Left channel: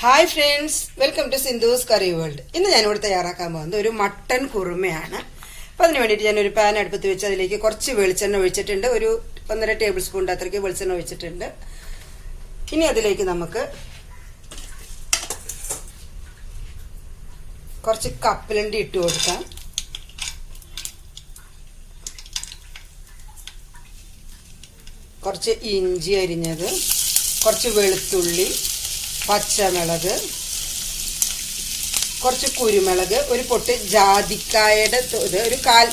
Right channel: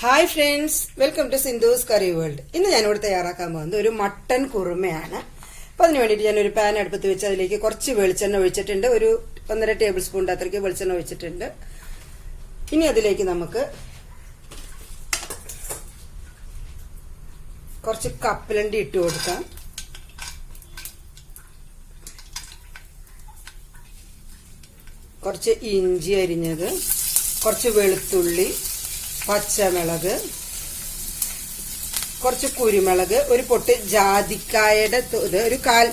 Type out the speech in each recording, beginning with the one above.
Hi friends, welcome to Sindhu's curry world. ഇന്ന് ഞാനിവിടെ തയ്യാറാക്കാൻ പോകുന്നത് ഒരു മട്ടൺ കുറുമയാണ്. അപ്പം അതിന് വേണ്ടിയിട്ട് ഞാനൊരു പാൻ അടുപ്പത്ത് വെച്ച് അതിലേക്ക് കുറച്ച് വെളിച്ചെണ്ണ ഒഴിച്ചിട്ടുണ്ട്. ഒരു 1.5 ടേബിൾ സ്പൂണിൻ്റെ അത്രയ്ക്ക് വെളിച്ചെണ്ണ ഒഴിച്ചിട്ടുണ്ട്. ഇനി അതിലേക്ക് നമുക്ക് കുറച്ച് കപ്പലണ്ടി ഇട്ട് കൊടുക്കാം. കുറച്ച് ഇഞ്ചി അരിഞ്ഞത്, കുറച്ച് വെളുത്തുള്ളി, പച്ചമുളക്, കുറച്ച് കുരുമുളക്, ഒരു പൊട്ട് ജാതിക്കായുടെ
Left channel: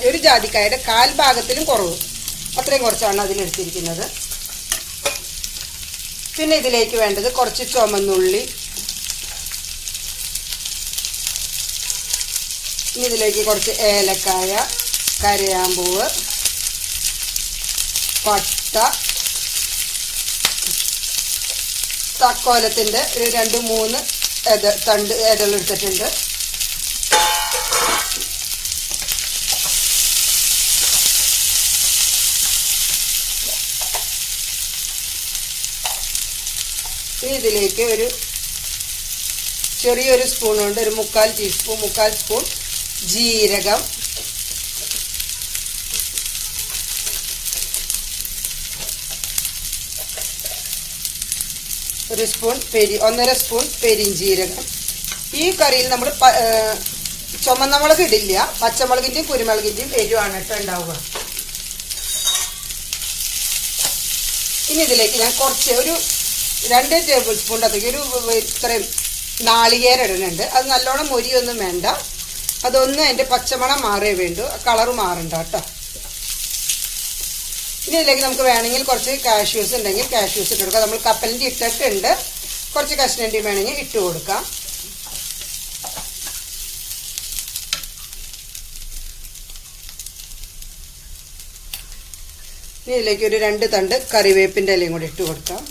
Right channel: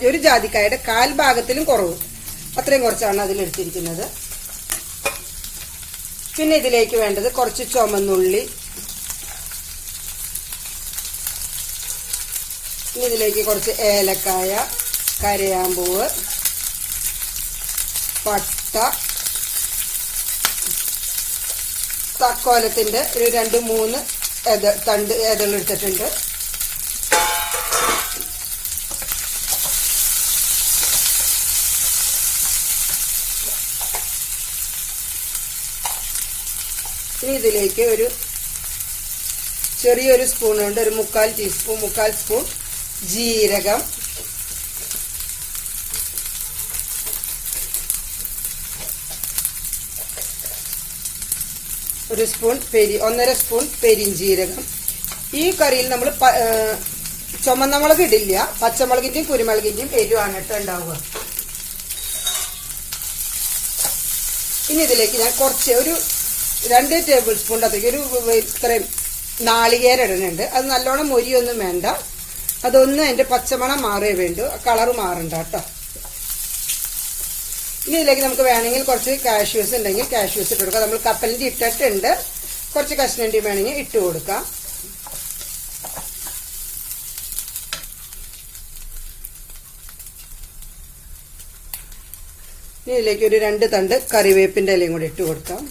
ഒരു ജാതിക്കായുടെ കാൽ ഭാഗത്തിലും കുറവ്, അത്രയും കുറച്ചാണ് അതിലെടുത്തിരിക്കുന്നത്. പിന്നെ ഇതിലേക്ക് വേണ്ടത് കുറച്ച് ചുമന്നുള്ളി, ഇനി ഇതിലേക്ക് കുറച്ച് ഏലക്കായ, കരയാമ്പൂവ്, പട്ട, തക്കോലത്തിന്റെ ഒരു 2-3 തണ്ട് എടുത്തിട്ടുണ്ട്. ഇനി ഇതിലേക്ക് ഒരു ചെറിയൊരു സ്പൂൺ കൊണ്ട് ഒരു 1/4 സ്പൂൺ ജീരകം, ഒരു സ്പൂൺ 1.5 സ്പൂൺ പെരിഞ്ജീരകം. ഈ കറിയിൽ നമ്മൾ ചുമന്ന മുളക് ഇടില്ല, പച്ചമുളകിന്റെയും കുരുമുളകിന്റെയും എരിവാണ് ഉണ്ടാവുക. ഇനി ഇതിലേക്ക് ഞാൻ കുറച്ച് ഒരു 2 ടേബിൾ സ്പൂൺ അത്രയ്ക്ക് ഇത്രയും നാളികേരം ഇടുന്നുണ്ട്. അത് നല്ലോണം മൊരിയൊന്നും വേണ്ട, അതൊന്നും അതിന്റെ പച്ചമണം മാറേ വേണ്ടു, കളറ് മാറണ്ട കേട്ടോ. ഇനി ഇതിലേക്ക് നമുക്ക് വേണമെങ്കിൽ കുറച്ച് കാഷ്യൂസ് ഉണ്ടെങ്കിൽ കാഷ്യൂസ് ഇട്ട് കൊടുക്കാം. നമ്മൾ കപ്പലണ്ടി ഇട്ടിട്ടുണ്ട്, കുറച്ച് കഷ്ണണ്ടി വേണമെങ്കിൽ ഇട്ട് കൊടുക്കാം. ഇനി ഇതിലേക്ക് ഒരു 2 തണ്ട് കറിവേപ്പിന്റെ ഇലയും കൂടി ഇട്ട് കൊടുക്കാം.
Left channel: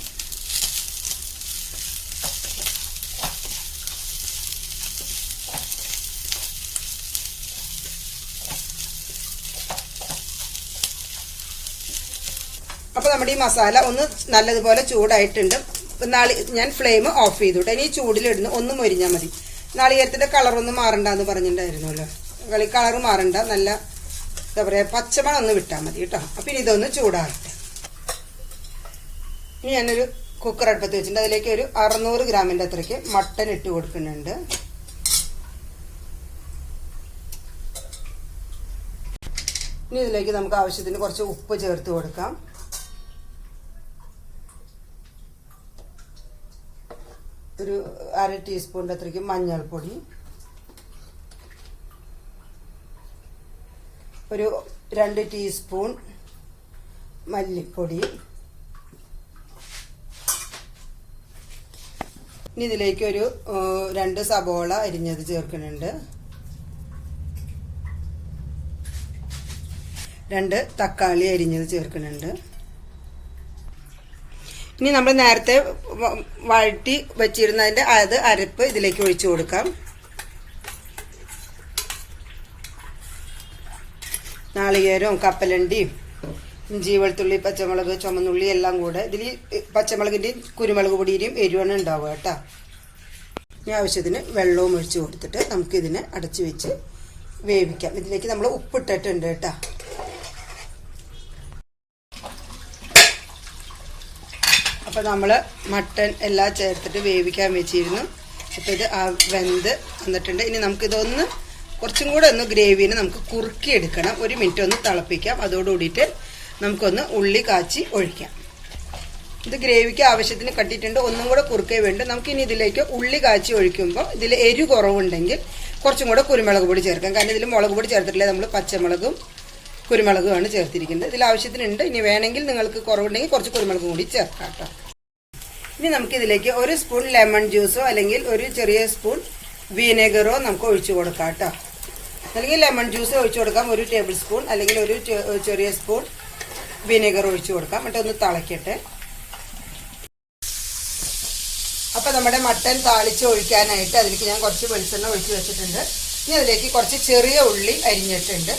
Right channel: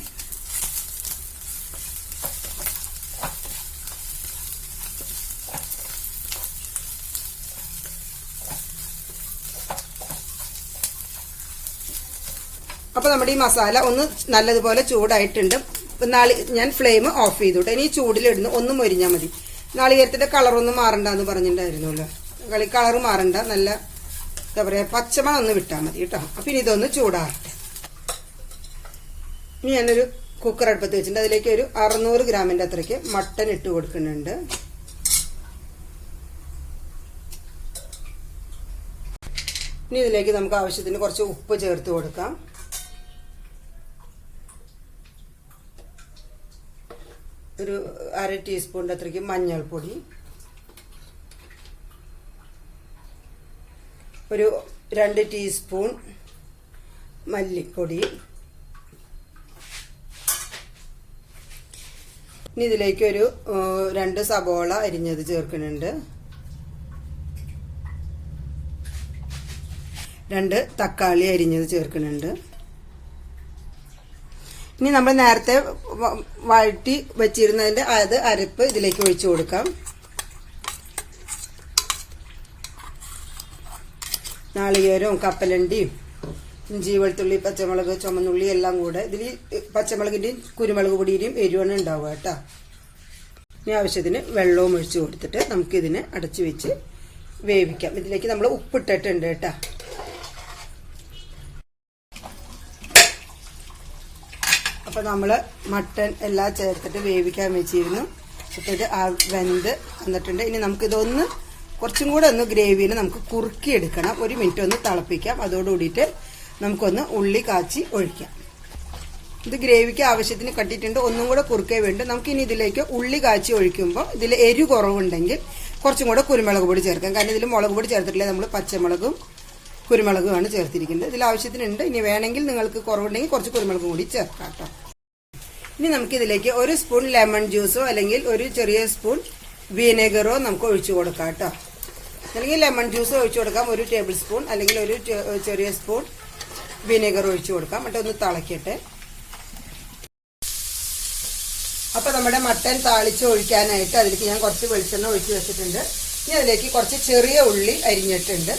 അപ്പൊ നമ്മുടെ ഈ മസാല ഒന്ന് നല്ലതുപോലെ ചൂടായിട്ടുണ്ട്. ഞാൻ ഫ്ലെയിം ഓഫ് ചെയ്തു. ഇനി ഈ ചൂടിലിടുന്നു ഒന്ന് മൊരിഞ്ഞാൽ മതി. നാളികേരത്തിന്റെ കളറൊന്നും മാറണ്ടെന്ന് പറഞ്ഞിട്ടുണ്ടായിരുന്നല്ലോ. കളറ് മാറണ്ട, നല്ല എന്താ പറയാ പച്ചമണം ഒന്ന് വിട്ടാൽ മതി കേട്ടോ. അപ്പൊ ഇനി ഇതൊന്ന് ചൂടാകട്ടെ. ഇനി ഞാനൊരു കുക്കർ അടുപ്പത്ത് വെച്ചിട്ടുണ്ട്. അതിലേക്ക് ഒരു 600 ഗ്രാമിന്റെ അത്രയ്ക്ക് മട്ടൻ ഇട്ട് കൊടുക്കുന്നുണ്ട്. ഇനി ഇതിലേക്ക് നമുക്ക് ആവശ്യത്തിന് കുറച്ച് ഉപ്പ് ചേർത്ത് കൊടുക്കാം. ഒരു 1/2 ടീസ്പൂണിന്റെ അത്രയ്ക്ക് മഞ്ഞൾപ്പൊടി, ഒരു 2 ടീസ്പൂൺ മല്ലിപ്പൊടി. ഇനി ഇതിലേക്ക് ഒരു 2 സബോള അരിഞ്ഞത് ചേർക്കുന്നുണ്ട്. 2 തക്കാളി അരിഞ്ഞത് ചേർക്കുന്നുണ്ട്. ഇനി നമ്മൾ നേരത്തെ വഴറ്റി വെച്ചിരുന്നതിന്റെ അരപ്പ് ഇതിലേക്ക് ഒഴിച്ചു കൊടുക്കാം. നാളികേരവും കപ്പലണ്ടിയും ഇഞ്ചി, വെളുത്തുള്ളി, പച്ചമുളക്, ചുമന്നുള്ളി എല്ലാം കൂടെ ഇതിൽ പച്ചമുളകിന്റെയും കുരുമുളക് പൊടിയുടെയും എരിവാണ് ഉണ്ടാവുക കേട്ടോ. ഇനി ആവശ്യത്തിന് വെള്ളവും ഒഴിച്ചു കൊടുത്തിട്ട് നമുക്ക് ഇതിനെ അടച്ചു വെച്ച് വേവിക്കാം. ഇതിലേക്ക് നമ്മൾ ഉപ്പിട്ടിട്ടുണ്ട് കേട്ടോ. അപ്പോൾ നമ്മൾ മട്ടൻ എല്ലാം ചേർത്തിട്ട് വേവിക്കാൻ വെച്ചിരുന്നു. അപ്പോൾ ഇത് വെന്ത് വന്നിട്ടുണ്ട്. ഇനി നമുക്കിതൊന്ന് കുറച്ചും കൂടെ ഒന്ന് ഗ്രേവിനെ നമുക്ക് കുറുക്കിയെടുക്കണം. 1 മിനിറ്റ് ഒന്ന് തിളപ്പിക്കാം. അതോടുകൂടിയിട്ട് നമുക്കൊന്ന് ഉള്ളി കാച്ചി ഒഴിക്കാം. ഇത് ഗ്രേവിക്ക് ആവശ്യത്തിന് കട്ടിയിട്ടുണ്ട്, ഒന്നും കൂടെ കുറുക്കേ വേണ്ട. നമുക്കിനി ഇതിലേക്ക് ഉള്ളി കാച്ചി ഒഴിക്കുമ്പോൾ ഇതിൽ എരിവ് കുറവുണ്ടെങ്കിൽ കുറച്ചും കൂടെ കുരുമുളക് പൊടി ചേർക്കാം. കാരണം ഇതിൽ മുളക് പൊടി ചേർത്തിട്ടില്ല, നമ്മൾ പച്ചമുളകും കുരുമുളകുമാണ് ചേർത്തിരിക്കുന്നത്. ഇതിൽ ആവശ്യത്തിനുണ്ട്. ഇനി വേണമെങ്കിൽ നിങ്ങൾക്ക് കുറവുണ്ടെങ്കിൽ കുറച്ച് കുരുമുളകും കൂടി ചേർക്കാം കേട്ടോ. ഇനി നമുക്ക് ഇതിലേക്ക് 1 സ്പൂൺ ലെമൺ ജ്യൂസോ അല്ലെങ്കിൽ ഒരു ചെറിയ സ്പൂൺ വിനെഗറോ നമുക്ക് ഒഴിച്ചു കൊടുക്കാം കേട്ടോ. അല്ലെങ്കിൽ ലെമൺ ജ്യൂസ് ഒഴിച്ചു കൊടുക്കാം, 1 ടേബിൾ സ്പൂൺ അല്ലെങ്കിൽ ഒരു ചെറിയ സ്പൂൺ വിനെഗർ ഒഴിച്ചു കൊടുക്കാം. എന്നിട്ട് ഒന്ന് തിളക്കട്ടെ. അപ്പൊ നമ്മുടെ മട്ടൻ താളിച്ച് ഒഴിക്കാനായിട്ട് അതിലേക്ക് ഞാൻ കുറച്ച് വെളിച്ചെണ്ണ ഒഴിച്ചു വെച്ചിട്ടുണ്ട്. ഇനി അതിലേക്ക് കുറച്ച് ചെറിയ ഉള്ളി അരിഞ്ഞിട്ടുണ്ട്.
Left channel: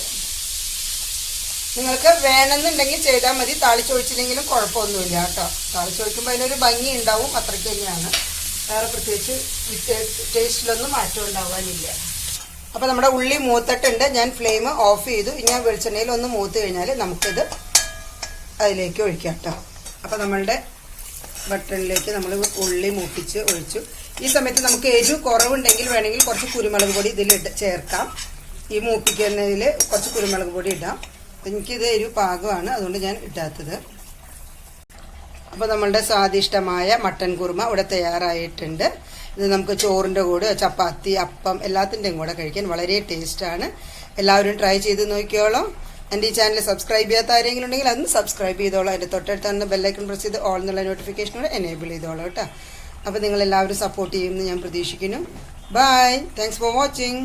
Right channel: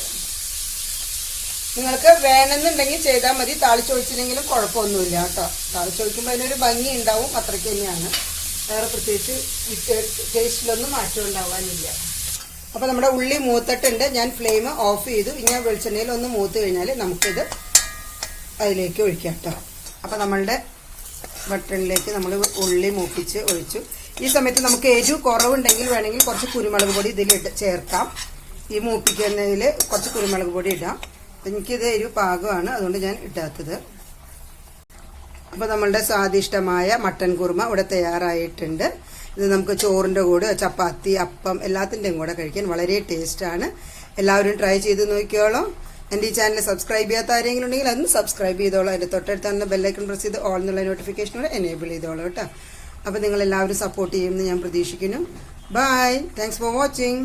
നിങ്ങൾക്ക് വേണമെന്നുണ്ടെങ്കിൽ ചെയ്താൽ മതി, താളിച്ചൊഴിച്ചില്ലെങ്കിലും കുഴപ്പമൊന്നുമില്ല കേട്ടോ. താളിച്ചൊഴിക്കുമ്പോൾ അതിനൊരു ഭംഗി ഉണ്ടാവും, അത്രയ്ക്ക് തന്നെയാണ്. വേറെ പ്രത്യേകിച്ച് ഈ ടേസ്റ്റിലൊന്നും മാറ്റം ഉണ്ടാവാനില്ല. അപ്പോൾ നമ്മുടെ ഉള്ളി മൂത്തിട്ടുണ്ട്. ഞാൻ ഫ്ലെയിം ഓഫ് ചെയ്തു. ഇങ്ങനെ വെളിച്ചെണ്ണയിൽ ഒന്ന് മൂത്ത് കഴിഞ്ഞാൽ നമുക്കിത് അതിലേക്ക് ഒഴിക്കാം കേട്ടോ. അപ്പോൾ നമ്മളുടെ മട്ടണിലേക്ക് നമ്മൾ ഉള്ളി മൂപ്പിച്ച് ഒഴിച്ചു. ഈ സമയത്ത് നമുക്ക് എരിവ് കുറവുണ്ടെങ്കിൽ വേണമെങ്കിൽ കുറച്ച് കുരുമുളക് പൊടി ഇതിൽ ചേർക്കാം. ഈ മൂപ്പിക്കുന്നതിൽ കുറച്ച് കുരുമുളക് പൊടി ഇടാം. എനിക്കിത് എരിവ് പാകമാണ്, അതുകൊണ്ട് ഞാൻ ഇടാത്തത്. അപ്പോൾ നമ്മളുടെ സ്വാദിഷ്ടമായ മട്ടൻ കുറുമ ഇവിടെ തയ്യാറായിട്ടുണ്ട്. ഇത് നമുക്ക് ചോറിൻ്റെ കൂടെ, ചപ്പാത്തി, അപ്പം എല്ലാത്തിൻ്റെയും കൂടെ കഴിക്കാൻ വളരെ ടേസ്റ്റാണ്. എല്ലാവരും ട്രൈ ചെയ്ത് നോക്കിയോളാം. എൻ്റെ ഈ ചാനൽ സബ്സ്ക്രൈബ് ചെയ്യാത്ത ആരെങ്കിലും ഉണ്ടെങ്കിൽ അതൊന്ന് സബ്സ്ക്രൈബ് ചെയ്തോളാം. അതിൻ്റെ തൊട്ടടുത്ത് ബെല്ലൈക്കൺ പ്രസ് ചെയ്ത് ഓൾ എന്നുള്ള നോട്ടിഫിക്കേഷനോട് എനേബിൾ ചെയ്തോളാം കേട്ടോ. അപ്പോൾ നിങ്ങളെല്ലാവരും സപ്പോർട്ട് ചെയ്യുമെന്ന് ഞാൻ പ്രതീക്ഷിക്കുന്നു. Bye, thanks for watching.